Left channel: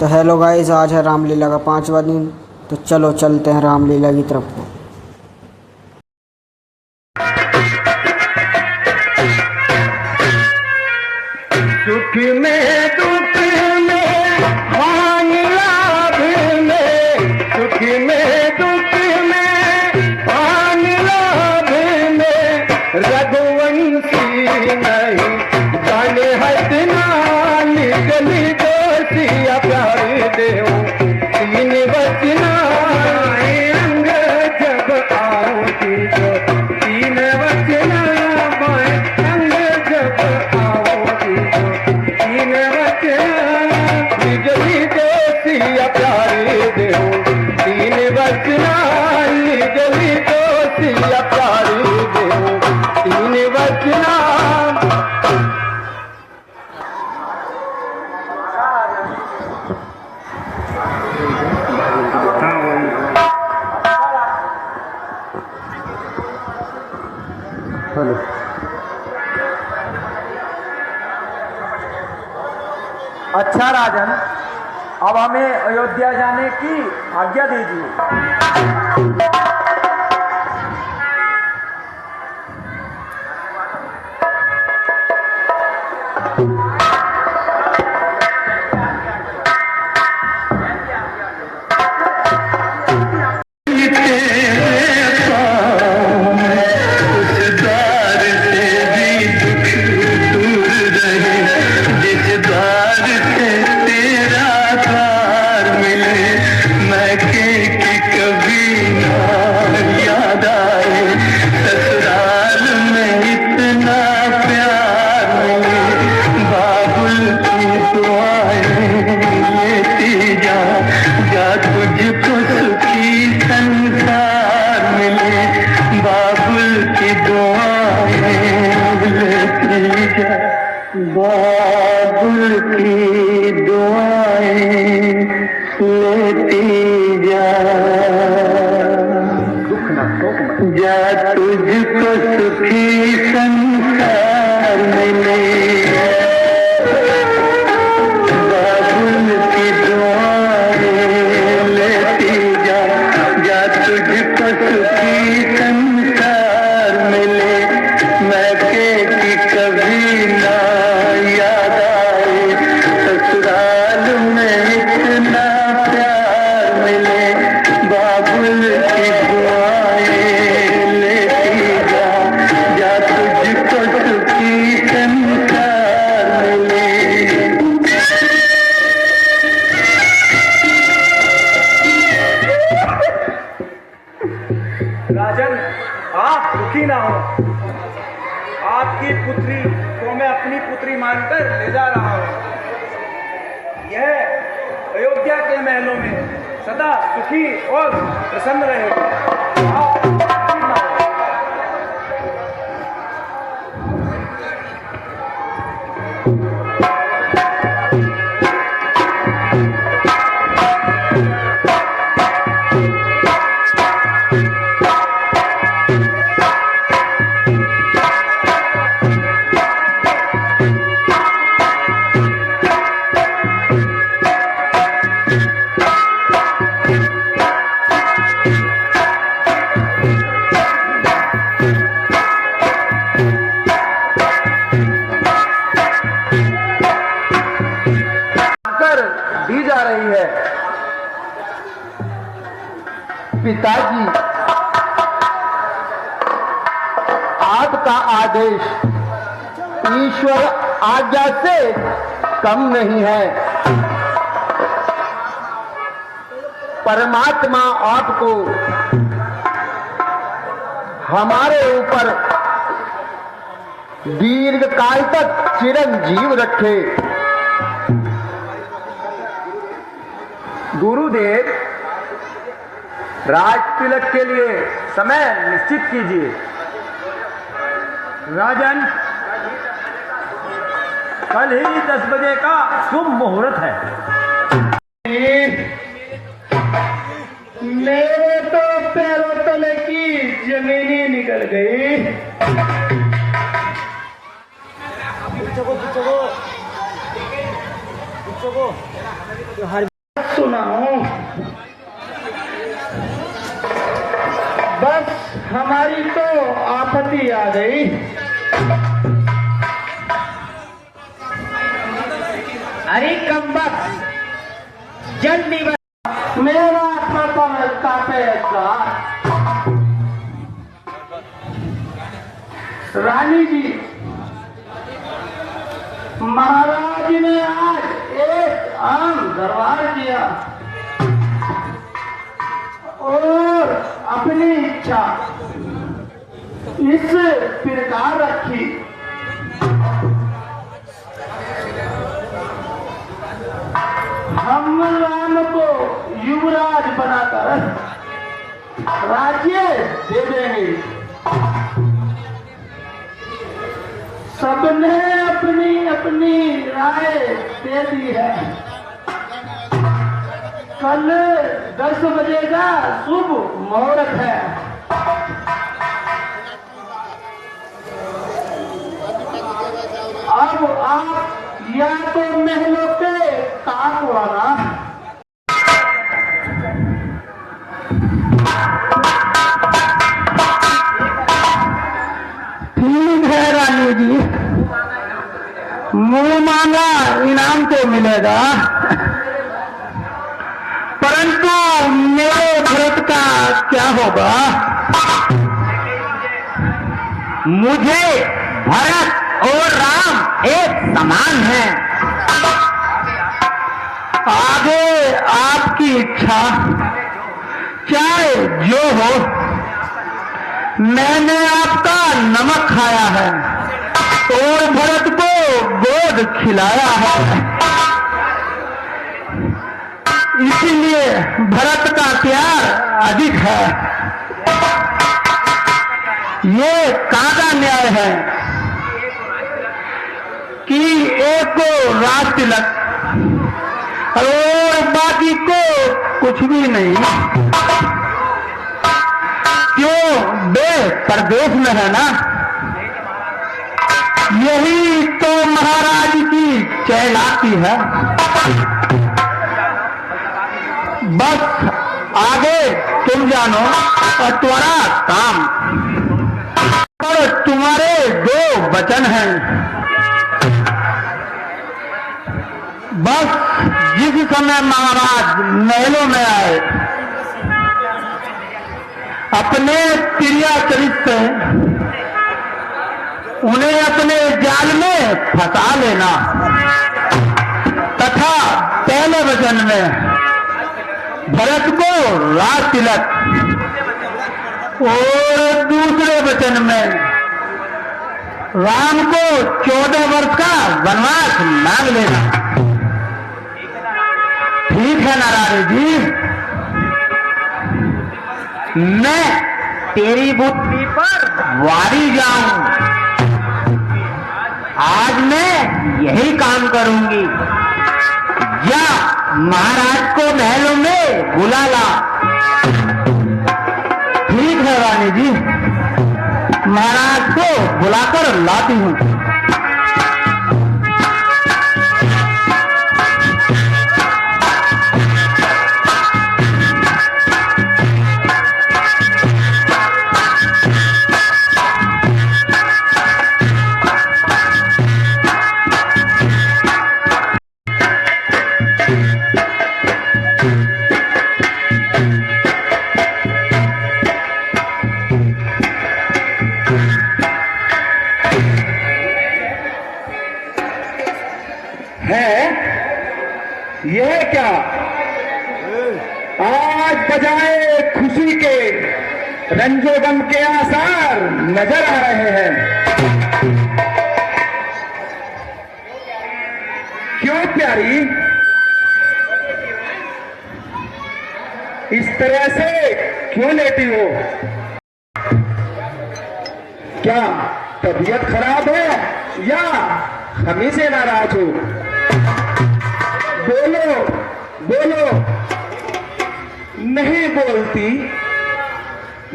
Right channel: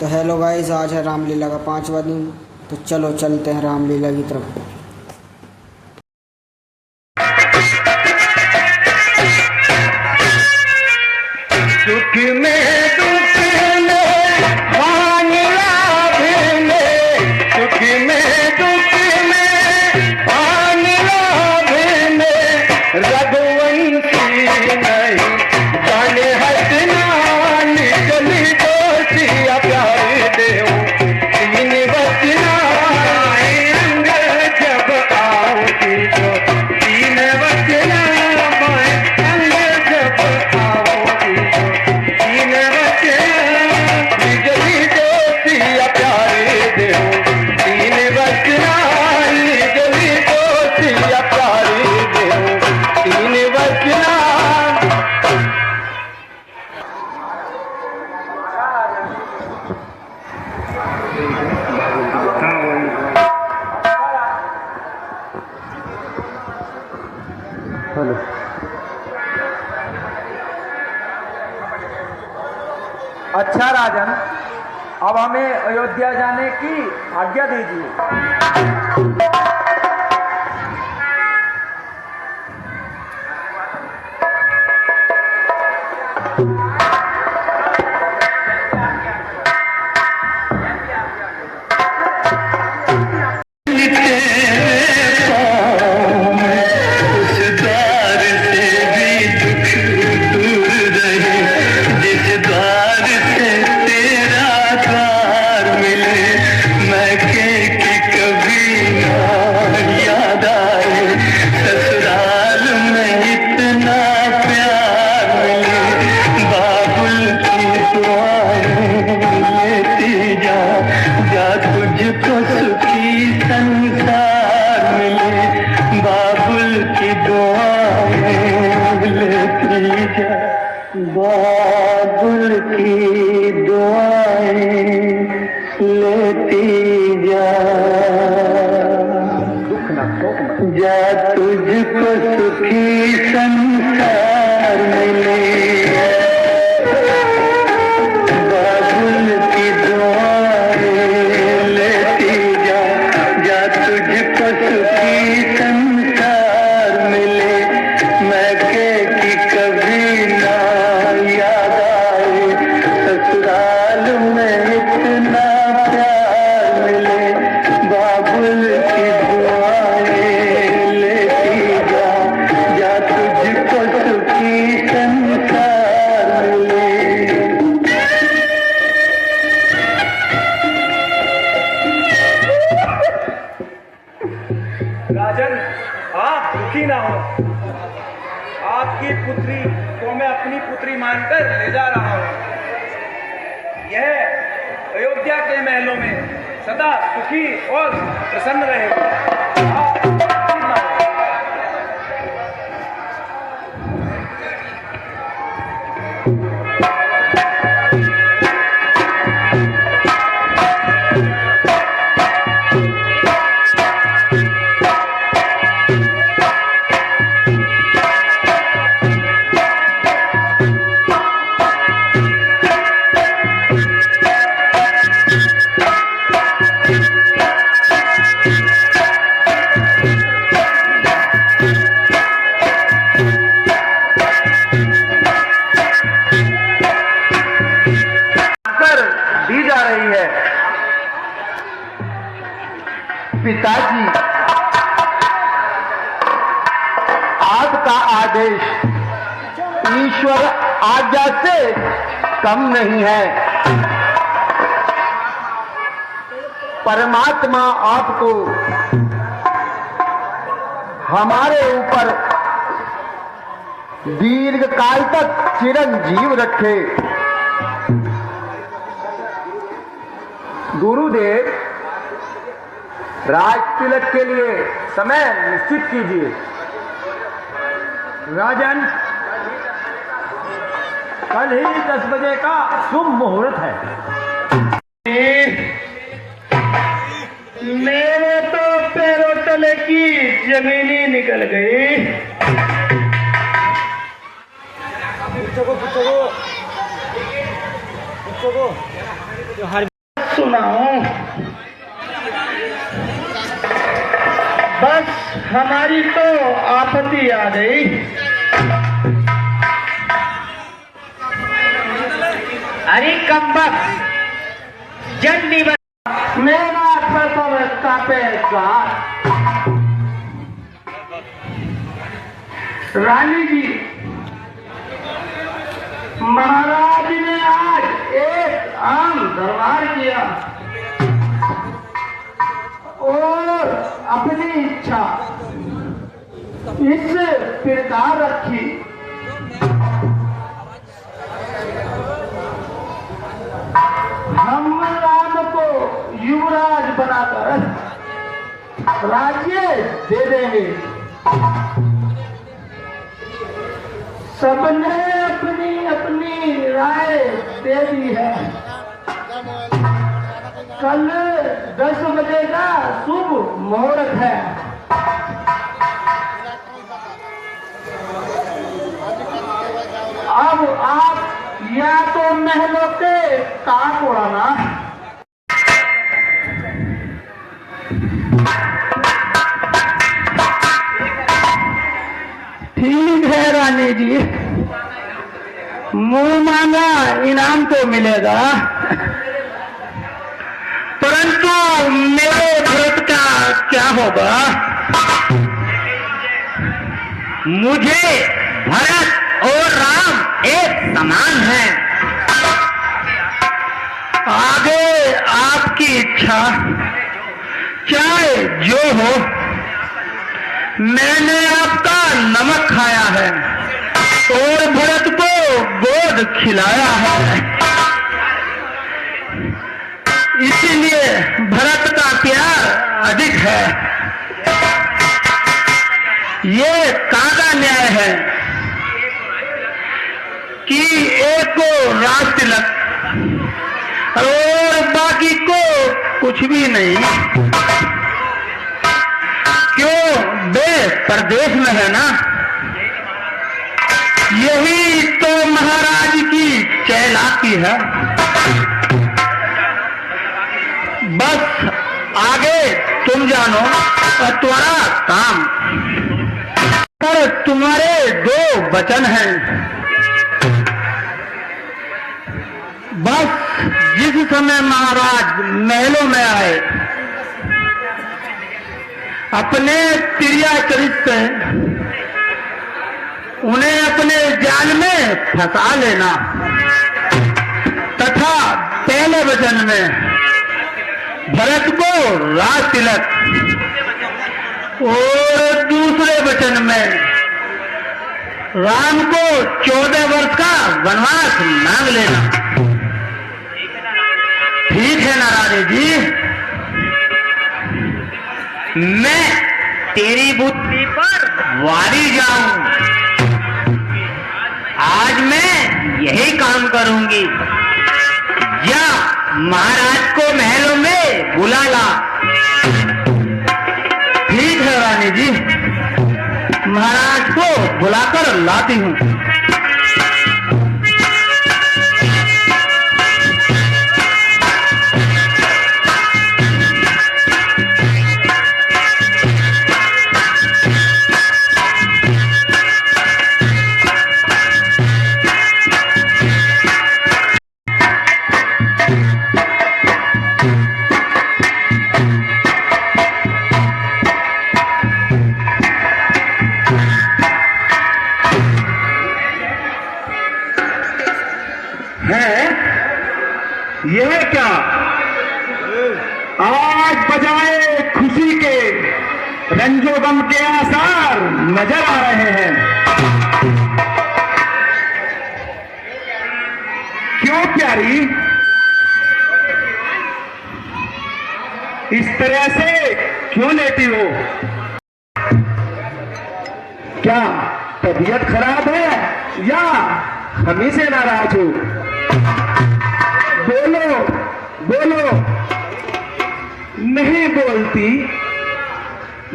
तो hello guys, आज है रामलीला का 5वां दिन। तो चलो चलते हैं रामलीला की तरफ। सुख में दुख में भान लाभ में, सुख में दुख में भान लाभ में, रघुवंशी नहीं जाने हसनान गली दोषिया प्यारे देव तीन बचना अंग जब आओगी तो तीन बचना अंग जब आओगी तीन बचना निजली दोषिया प्यारे देव तीन बचना निजली दोषिया प्यारे देव तीन बचना। अच्छा राजन, अब हमें अयोध्या जाने की आज्ञा दीजिए। बाबुल की दुआएं लेती जा, जा तुझको सुखी संसार मिले। बाबुल की दुआएं लेती जा, जा तुझको सुखी संसार मिले। मैं के की कभी ना याद आए, ससुराल में इतना प्यार मिले। बाबुल की दुआएं लेती जा, जा तुझको सुखी संसार मिले। राजन, आप दुखी ना हो। आपकी पुत्री को मैं अपनी पुत्री मानकर ले जा रहा हूँ। यह अयोध्या के महलों में सदा सुखी और प्रसन्न रहेगी। दी जा रही है। पिताजी, आपका आदेश ईश्वर आज्ञा से कम नहीं है। परमात्मा आपको हमारे ऊपर दीर्घ काल तक चिरंजीव रखे। गुरुदेव, राज तिलक के लिए समय निश्चित कीजिए। राजन, कल ही 10 बजे का शुभ मुहूर्त है। मेरे तो पैरों तले की जमीन ही निकल गई। पुच्छो सुना हूं, बस हमारी तो आपत्ति आ गई। अरे कमबख्त जल्दी मेरा प्रथम कापेगा। रानी जी, महाराज ने आज एक आम दरबार किया और अपनी इच्छा इस प्रकार रखी। हम राम को युवराज बनाकर राज्य दे देंगे। सबने अपनी अपनी राय दे दी है। कल 10 बजे का शुभ मुहूर्त है। अब आप या तो महलों के ताक वाला ठीक है रानी जी, मुंह मांगा इनाम तो मिलेगा, परंतु मेरे भरत का क्या होगा? मुझे भरत और राम एक समान हैं। आगे आपकी इच्छा, चाहे जो हो। मैंने आपका नमक खाया है और भरत को गोद खिलाया है, इसीलिए भरत का प्यार अधिक है। ये कागा न्याय है कि एक को राज तिलक और बाकी को कुछ भी नहीं। क्यों? बे परदेश में है ना। यही तो महाराज की चैलाकी है। बस आगे तुम जानो और तुम्हारा काम। पर तुम्हारे 2 वचन हैं। बस जिस समय महाराज महलों में आए, अपने प्रिया चरित से उन्हें अपने जाल में फंसा लेना तथा पहले वचन में भरत को राज तिलक और दूसरे वचन में राम को 14 वर्ष का वनवास मांग लेना। ठीक है ना रानी जी? मैं तेरी बुद्धि पर वारी जाऊं। आज मैं यही काम करूंगी। जा महाराज को महल में बुला ला। ठीक है रानी जी, महाराज को बुलाकर लाती हूँ। है यह क्या? आज बजाए खुशी के रंजो गम के आसार नजर आ रहे हैं। क्यों प्यारी, इस तरह से क्यों लेती हो? क्या तबीयत खराब है या हमी से नाराज हो? बोलो बोलो। नहीं बोलती?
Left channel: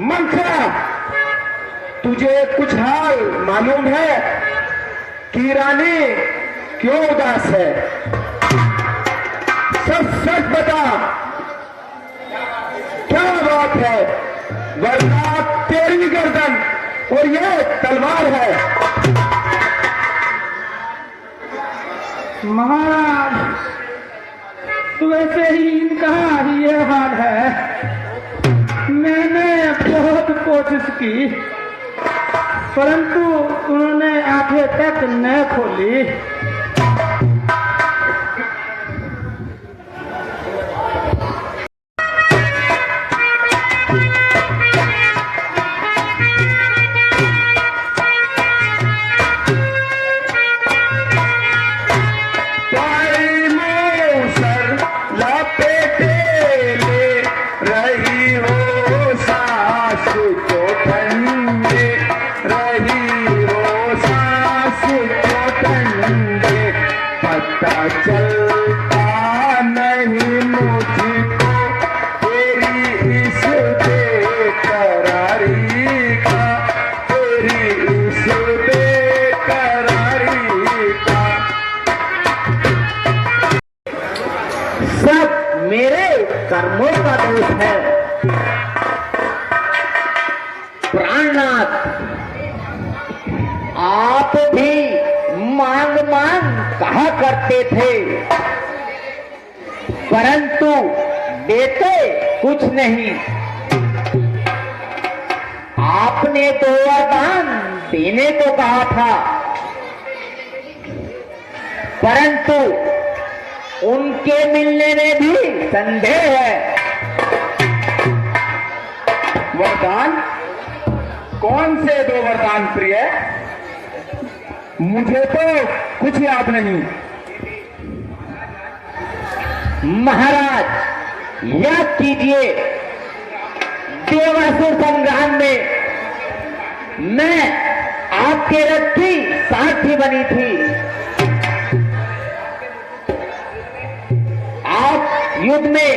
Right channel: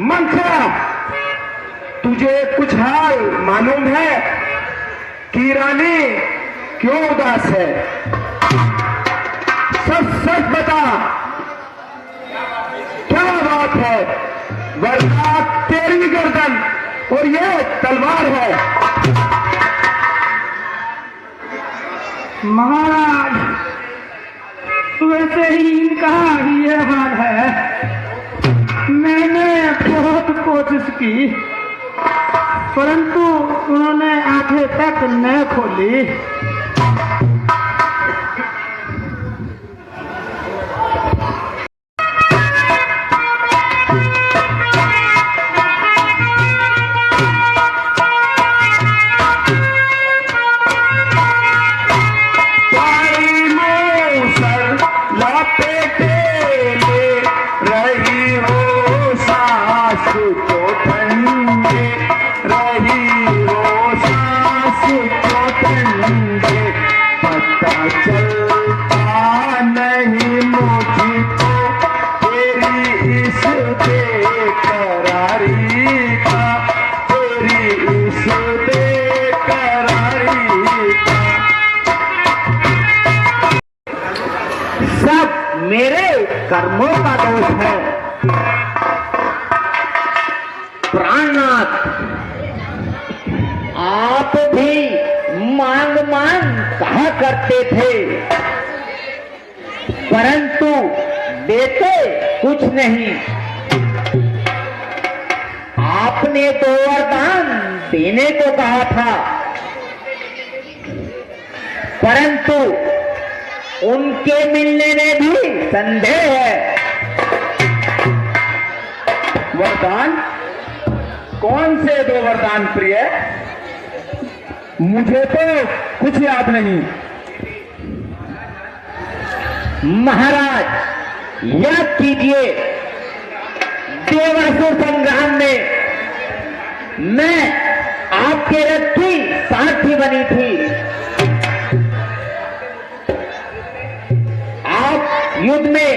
मंथरा, तुझे कुछ हाल मालूम है कि रानी क्यों उदास है? सच सच बता, क्या बात है? वरना तेरी गर्दन और ये तलवार है। महाराज, वैसे ही इनका ये हाल है। मैंने बहुत कोशिश की, परंतु उन्होंने आंखें तक न खोली। सब मेरे कर्मों का दोष है। प्राणनाथ, आप भी मांग मांग कहा करते थे, परंतु देते कुछ नहीं। आपने तो वरदान देने को कहा था, परंतु उनके मिलने में भी संदेह है। वरदान? कौन से दो वरदान प्रिय? मुझे तो कुछ याद नहीं। महाराज, याद कीजिए, देवासुर संग्राम में मैं आपके रथ की सारथी बनी थी। आप युद्ध में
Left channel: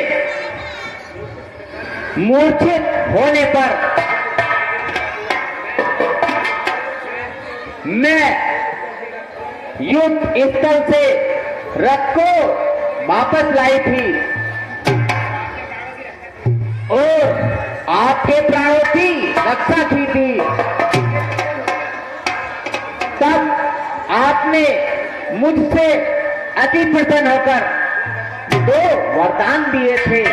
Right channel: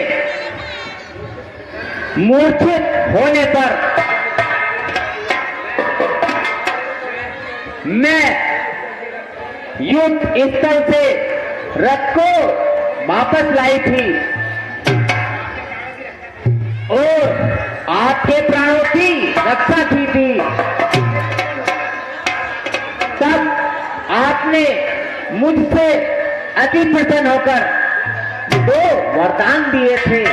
मूर्छित होने पर मैं युद्ध स्थल से रथ को वापस लाई थी और आपके प्राणों की रक्षा की थी। तब आपने मुझसे अति प्रसन्न होकर दो वरदान दिए थे।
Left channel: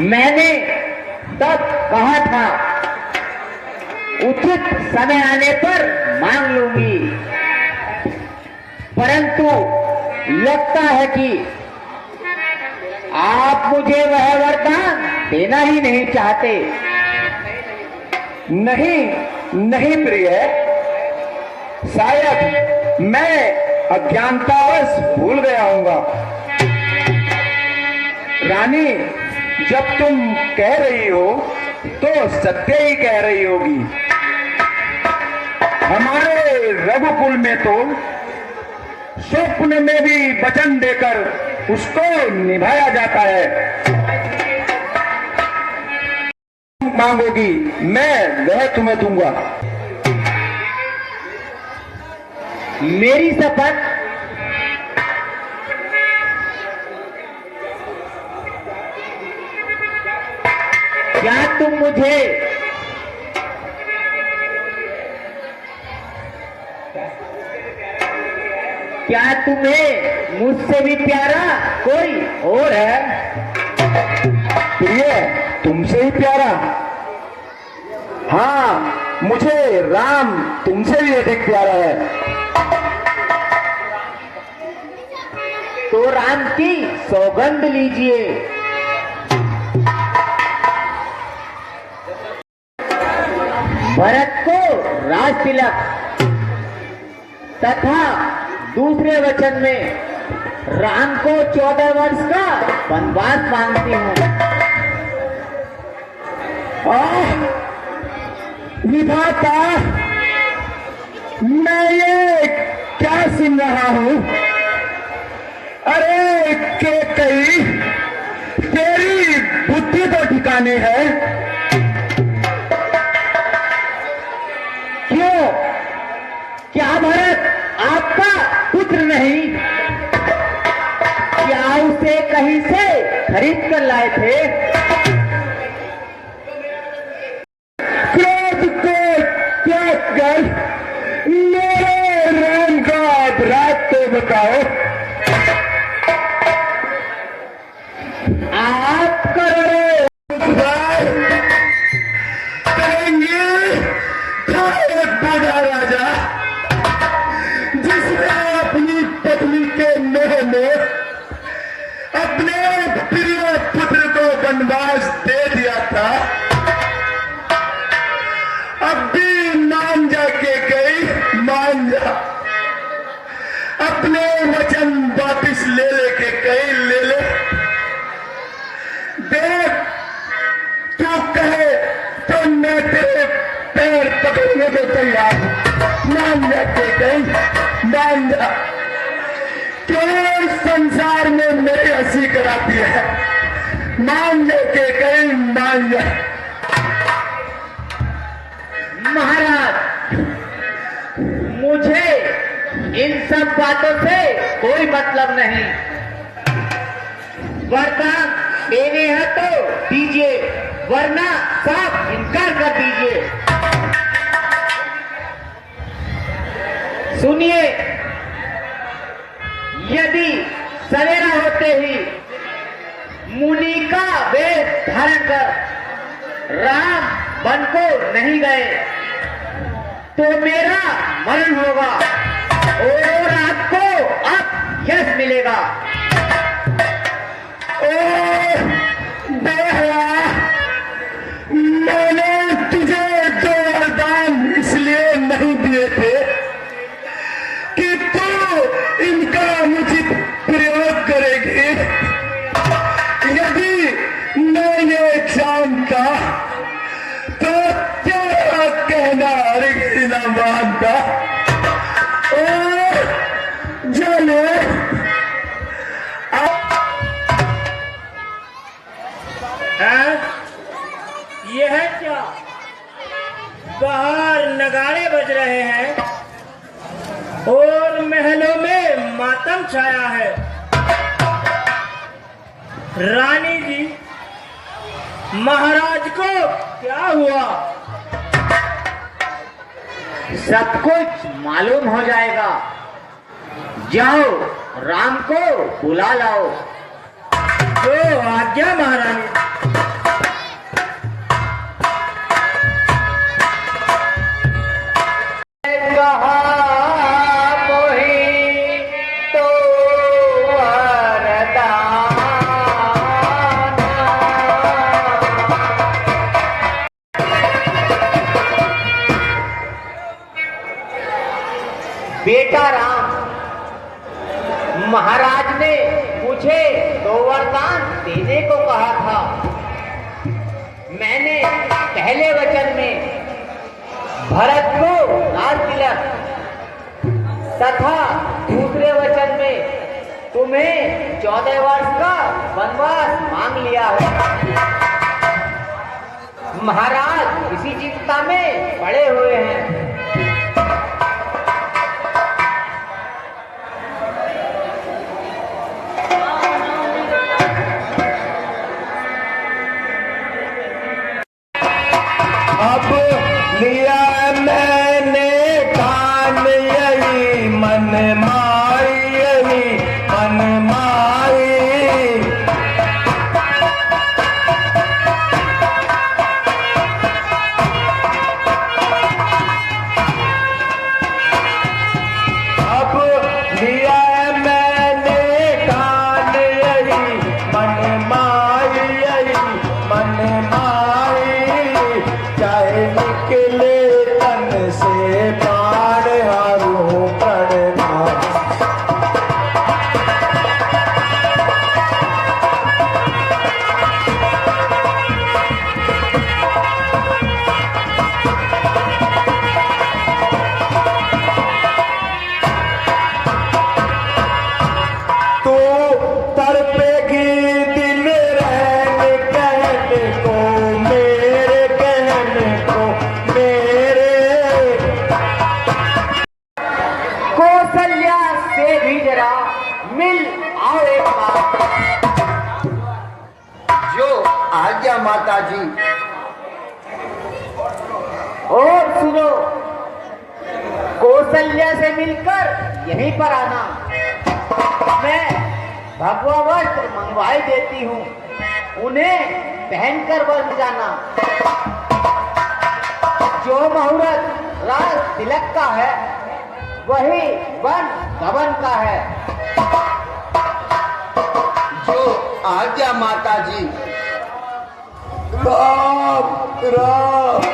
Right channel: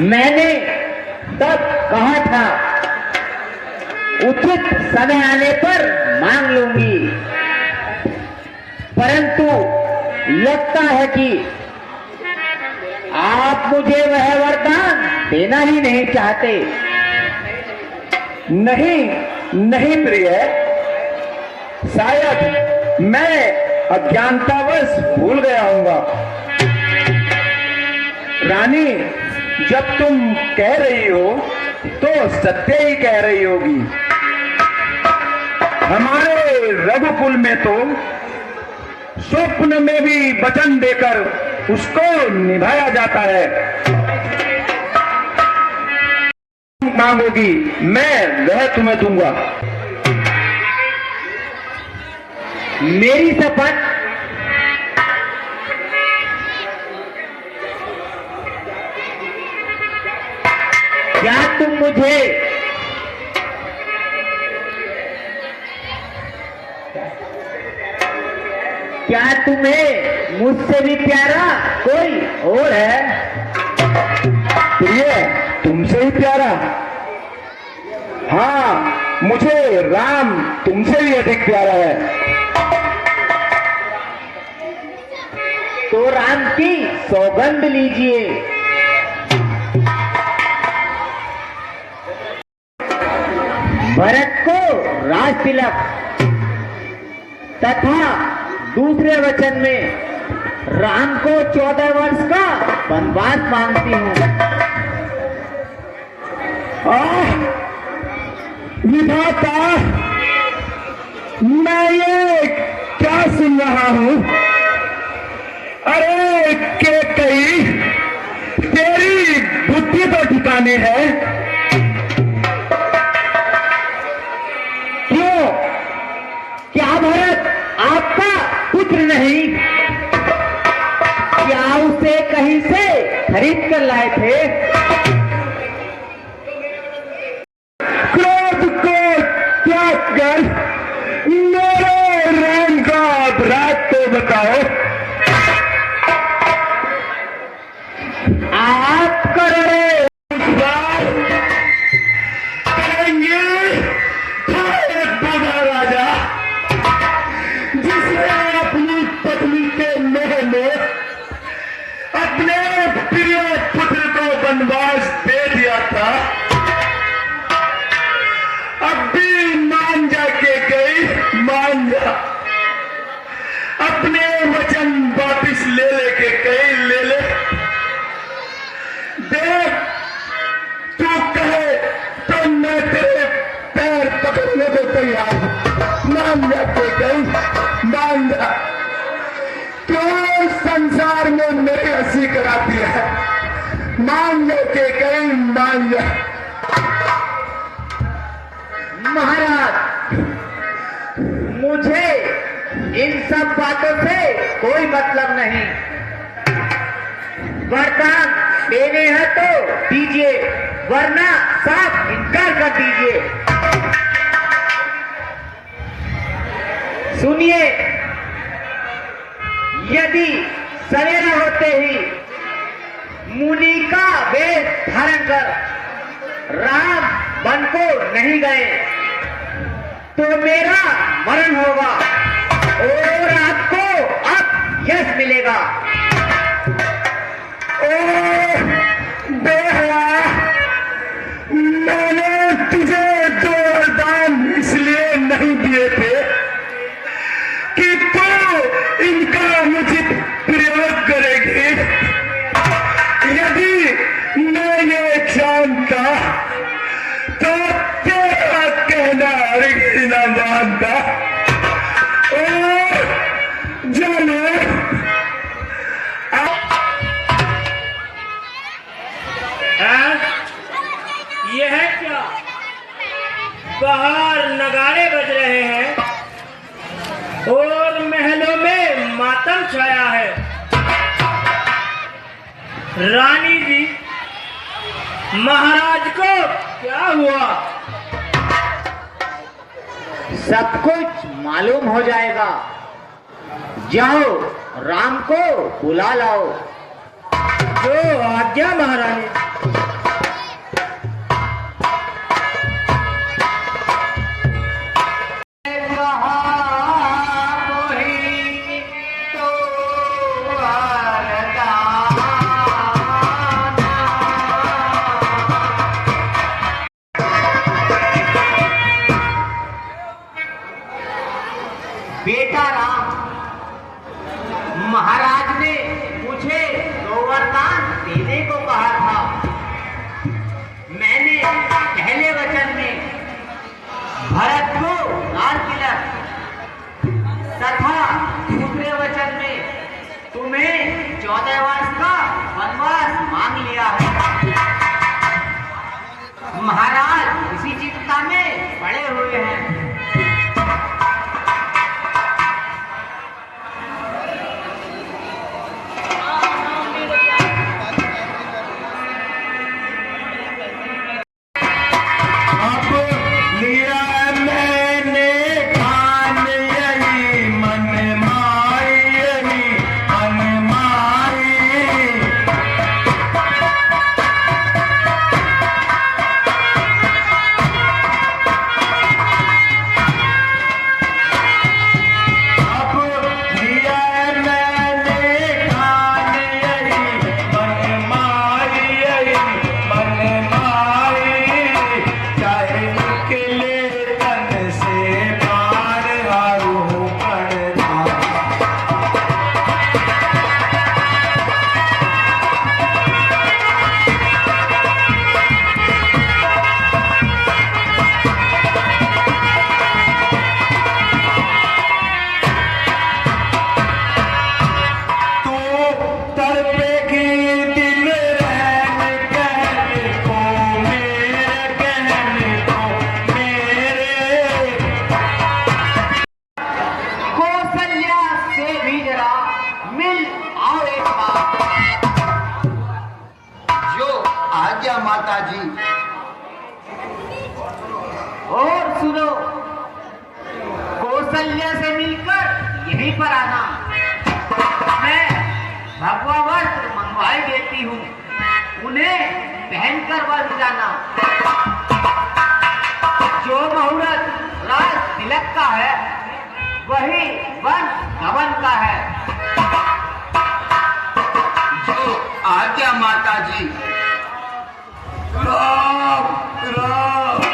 मैंने तब कहा था, उचित समय आने पर मांग लूंगी, परंतु लगता है कि आप मुझे वह वरदान देना ही नहीं चाहते। नहीं नहीं प्रिय, शायद मैं अज्ञानतावश भूल गया हूंगा। रानी, जब तुम कह रही हो तो सत्य ही कह रही होगी। हमारे रघुकुल में तो स्वप्न में भी वचन देकर उसको निभाया जाता है। मांगोगी, मैं वह तुम्हें दूंगा। मेरी शपथ। क्या तुम मुझे क्या तुम्हें मुझसे भी प्यारा कोई और है? प्रिय, तुमसे ही प्यारा? हाँ, मुझे राम तुमसे भी अधिक प्यारा है। तो राम की सौगंध लीजिए। भरत को राज तिलक तथा दूसरे वचन में राम को 14 वर्ष का वनवास मांगती हूँ। विधाता, मैं ये क्या सुन रहा हूँ? अरे के कई, तेरी बुद्धि तो ठिकाने है। क्यों? क्या भरत आपका पुत्र नहीं? क्या उसे कहीं से खरीद कर लाए थे? क्रोध को त्याग कर मेरे राम का अपराध तो बताओ। आप करोड़ों करेंगे एक बूढ़ा राजा जिसने अपनी पत्नी के मोह में अपने प्रिय पुत्र को वनवास दे दिया था, अब भी मान जा के गई, मान जा, अपने वचन वापिस ले लेके गई, ले ले। देख तू कहे तो मैं तेरे पैर पकड़ने को तैयार हूं। मान जा के गई, मान जा, क्यों संसार में मेरी हंसी कराती है। मान जा के गई, मान जा। महाराज, मुझे इन सब बातों से कोई मतलब नहीं। वरदान देने हैं तो दीजिए, वरना साफ इनकार कर दीजिए। सुनिए, यदि सवेरा होते ही मुनि का वेश धारण कर राम वन को नहीं गए तो मेरा मरण होगा और आपको अब यश मिलेगा। बेहया, मैंने तुझे दो वरदान इसलिए नहीं दिए थे कि तू इनका अनुचित प्रयोग करेगी। यदि मैं ये जानता तो तेरा कहना हरगिज न मानता। चलो यह है क्या? बाहर नगाड़े बज रहे हैं और महलों में मातम छाया है। रानी जी, महाराज को क्या हुआ? सब कुछ मालूम हो जाएगा। जाओ, राम को बुला लाओ। जो आज्ञा महारानी। बेटा राम, महाराज ने मुझे दो वरदान देने को कहा था। मैंने पहले वचन में भरत को लाल तिलक तथा दूसरे वचन में तुम्हें 14 वर्ष का वनवास मांग लिया है। महाराज इसी चिंता में पड़े हुए हैं। एक बात। जो आज्ञा माता जी। और सुनो, कौशल्या से मिलकर यहीं पर आना, मैं भगवा वस्त्र मंगवाई देती हूँ, उन्हें पहनकर बन जाना। जो मुहूर्त राज तिलक का है वही वन गमन का है। जो आज्ञा माता जी। राम राम।